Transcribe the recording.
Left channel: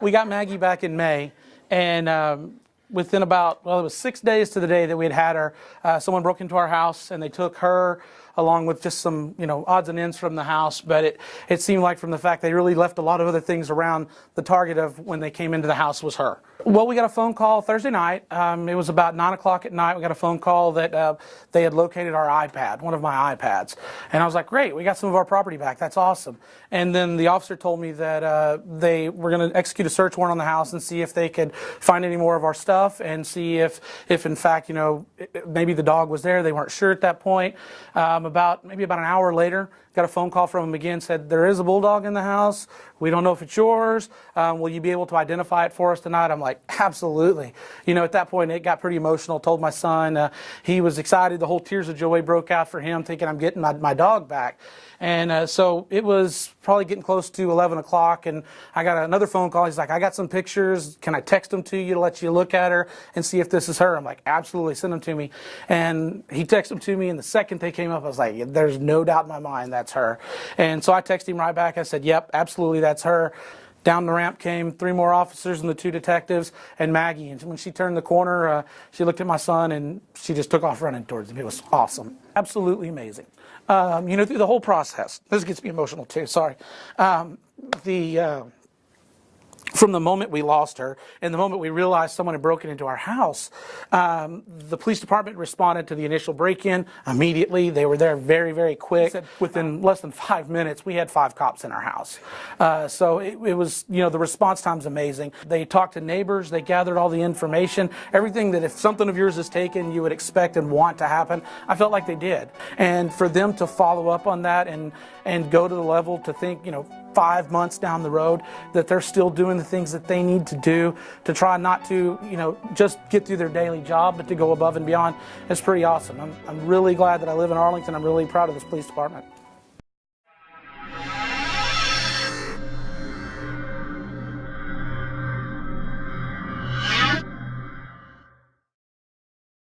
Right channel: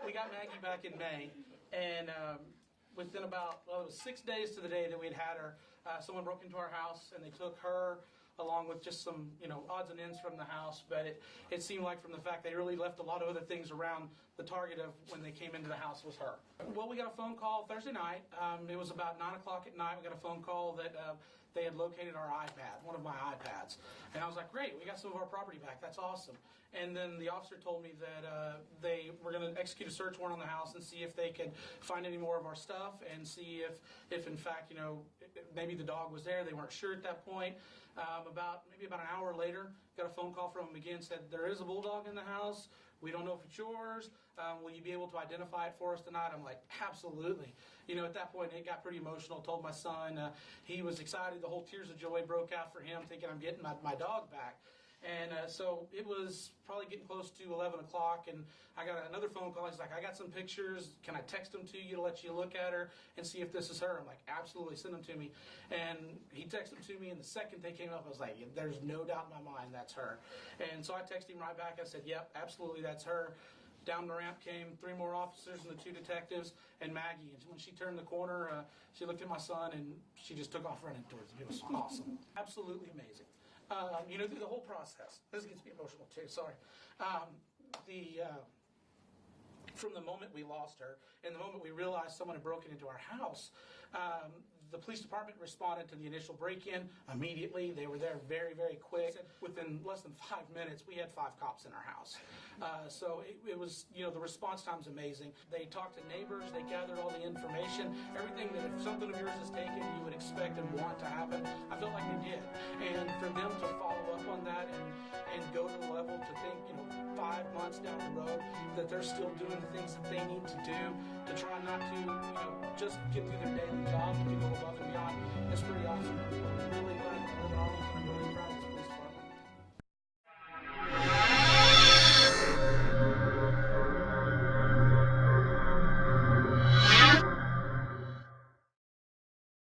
We got Maggie back in May, and within about, well, it was 6 days to the day that we had her, someone broke into our house and they took her along with just some, odds and ends from the house. But it seemed like from the fact they really left a lot of other things around, the target of when they came into the house was her. Well, we got a phone call Thursday night. It was about 9 o'clock at night. We got a phone call that they had located our iPad, one of my iPads. And I was like, great, we got some of our property back. That's awesome. And then the officer told me that they were going to execute a search warrant on the house and see if they could find any more of our stuff and see if in fact, maybe the dog was there. They weren't sure at that point. Maybe about an hour later, got a phone call from them again, said, there is a bulldog in the house. We don't know if it's yours. Will you be able to identify it for us tonight? I'm like, absolutely. At that point, it got pretty emotional. Told my son, he was excited. The whole tears of joy broke out for him, thinking I'm getting my dog back. And so it was probably getting close to 11 o'clock, and I got another phone call. He's like, I got some pictures. Can I text them to you to let you look at her and see if this is her? I'm like, absolutely, send them to me. And he texted them to me, and the second they came up, I was like, there's no doubt in my mind that's her. And so I texted him right back. I said, yep, absolutely, that's her. Down the ramp came 3 more officers and the 2 detectives and Maggie. And when she turned the corner, she looked at my son and she just took off running towards him. It was awesome. Absolutely amazing. Through the whole process, this gets me emotional too, sorry. From the moment we lost her and the moment we realized someone had broken into our house, the police department responded to the initial break-in immediately. They were there very, very quick. Within less than 5 minutes, we had 5 cops in our house. So it was, the response time's amazing. They talked to neighbors. They gathered all the information, everything that if something of yours is taken, you would expect and want to happen. I felt like they did. And for them to follow up on that and go to the level to think, 5 months down the road that they're still doing the things that they need to do to try not to, just get through their daily job, but to go above and beyond is pretty awesome. I'm really glad that I live in Arlington. I'm really proud of this police department.